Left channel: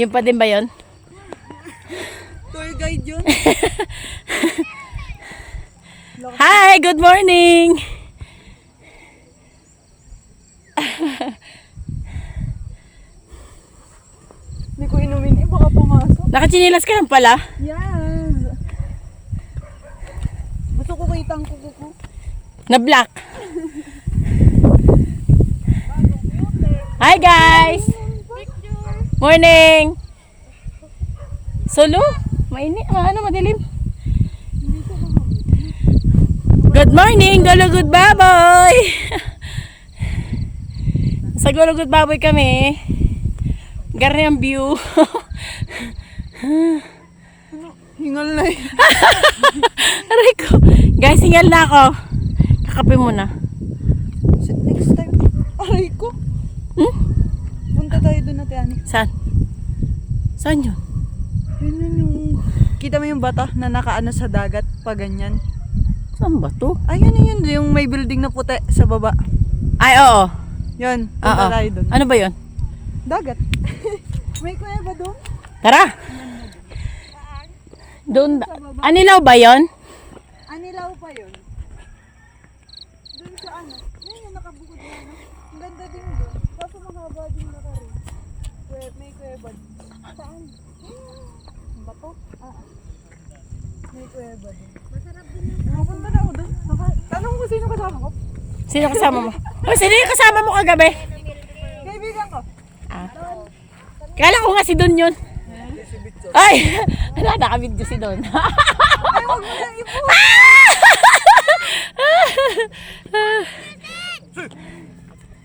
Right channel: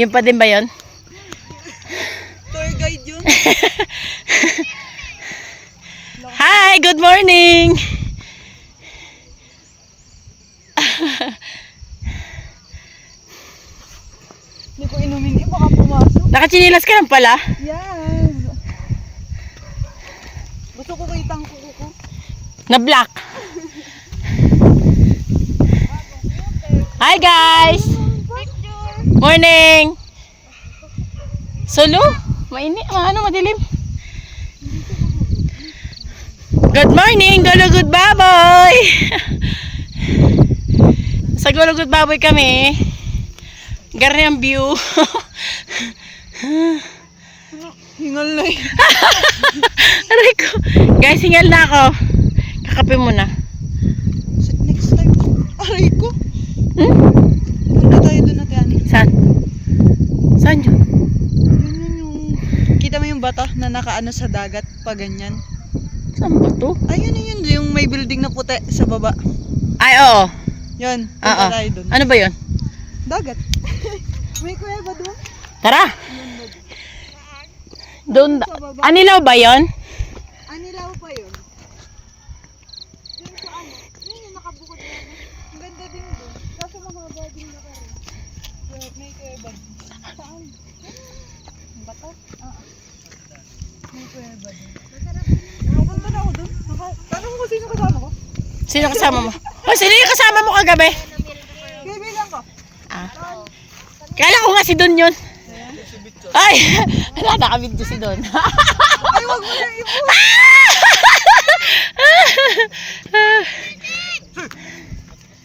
Yun pa din ba yun? Tour guide yun. Hi, good morning! Hindi ko inumin eh, baka pumasok. Nakachinilas ka lang pala. Yes. Gusto ko kitang kuko ko. Na black. Hi guys! Morning! Solo? Mainit? Ano madilim? Good morning, Gulugod Baboy! Sa Gulugod Baboy kami. Gari ang view. Hingal na eh. Aray ko. Guys, hingal na ako. Kakape muna. Next time. Aray ko. Punta tayo doon natin, Ani. Saan? Saan yun? Yun yung... Kita mo yung bata na nakaano sa dagat pa ganyan. Saan ba to? Ayun yun, yung may building na puti sa baba. Ay, oo. Yun, Oo. punta tayo doon. Ano ba yun? Dagat. May kuya ba doon? Tara. Doon. Anilaw ba yun? Anilaw pa yun. Doon sa ano? Yun yung nakabukod na ano. Ang ganda din doon. Kaso mahaba din na rin. May kuya ba? Saan? Ang bato? May kuya ba doon? Masarap din. Nakapunta na ako doon. Tanong ko sino kasama ko? Sino kasama mo? Oh, sino yung kasama mo kagabi? Kaibigan ko. Ah. Kala ko nga si Don yun. Ay! Wala, nakabidyo si Don. Ay, wag mo na ipo.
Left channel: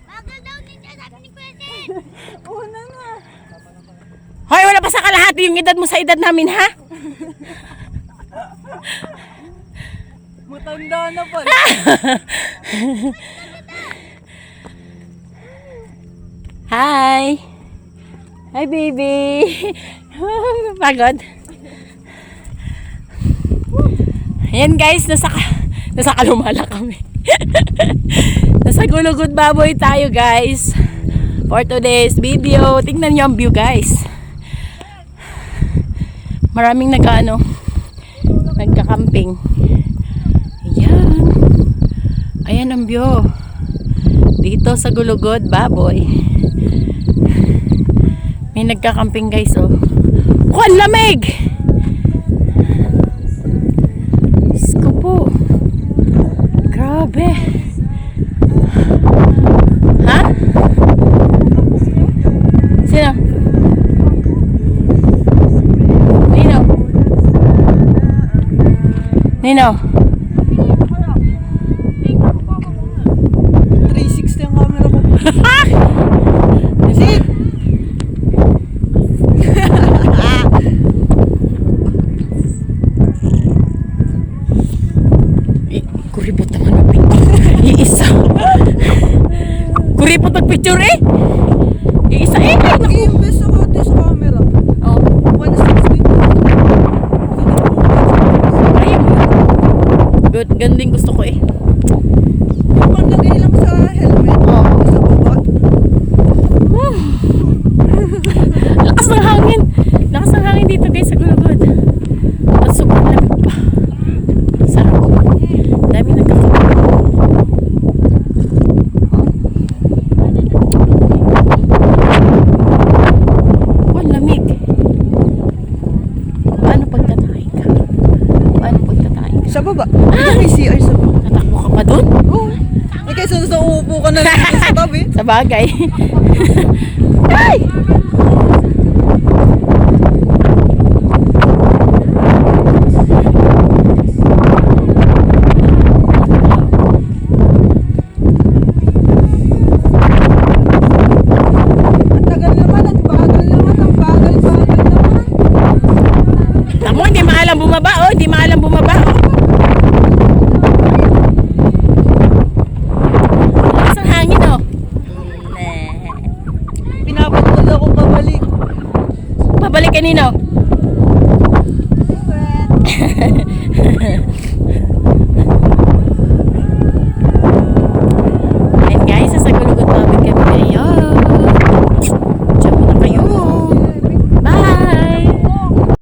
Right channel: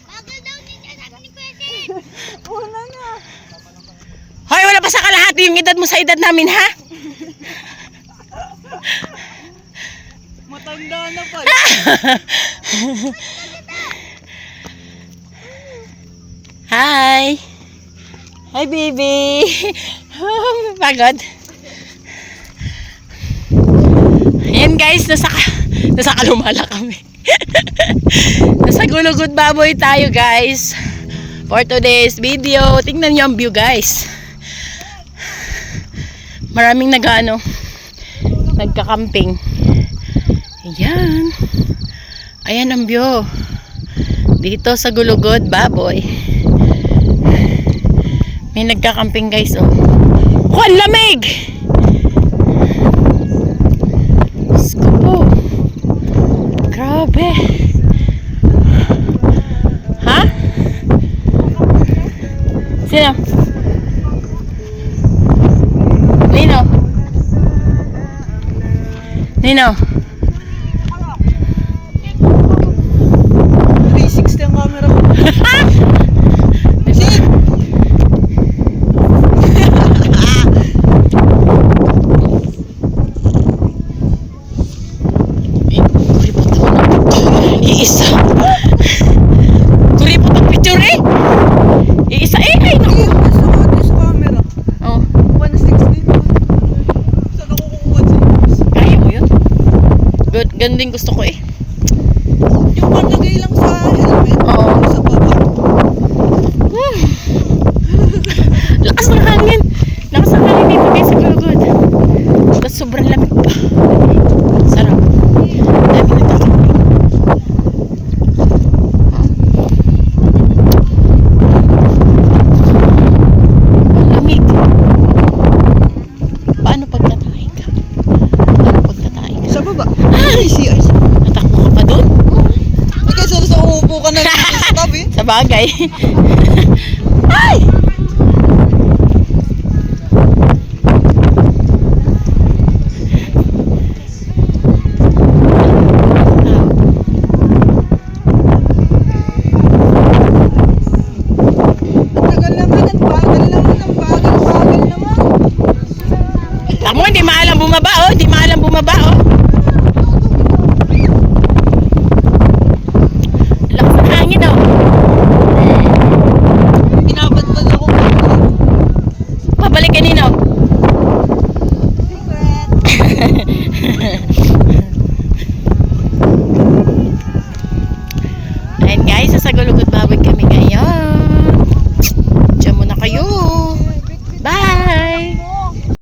Bagal daw ninja, sabi ni Pwede. Una na. Hoy, wala pa sa kalahati yung edad mo sa edad namin, ha? Matanda na pala. Hi! Hi, baby! Pagod. Ayan guys, nasa Kalumala kami. Nasa Gulugod Baboy tayo guys. For today's video. Tingnan niyo ang view guys. Maraming nagka-camping. Ayan. Ayan ang view. Dito sa Gulugod Baboy. May nagka-camping guys oh. Oh, ang lamig! Sko po. Grabe. Ha? Sino? Nino? Nino? 360 ang camera ko. Iisa. Kuripot ang picture eh. Iisa eh. Ay, naku. Yung best ako dito sa camera. Oh. 160. Kaya mo yun. Good. Ganun din gusto ko eh. Yung panlagay lang sa helmet. Oo. Sa baba. Lakas ng hangin. Lakas ng hangin dito guys sa Gulugod. Tapos sobrang lamig pa. Sarap. Dami nagkakita. Ang lamig. Paano pagtatay ka? Paano pagtatay ka? Sa baba. Ay, CI sa baba. Natakbo ka pa dun? Oo. Eh, kaysa sa uupo ka na lang sa tabi. Sa bagay. Ay! Ang tagal naman, ang bagal naman, ang bagal naman. Tamo, hindi maalam bumaba oh. Hindi maalam bumaba oh. Lakas ng hangin oh. Pinapatpag ako pabalik. Pabalik kanino?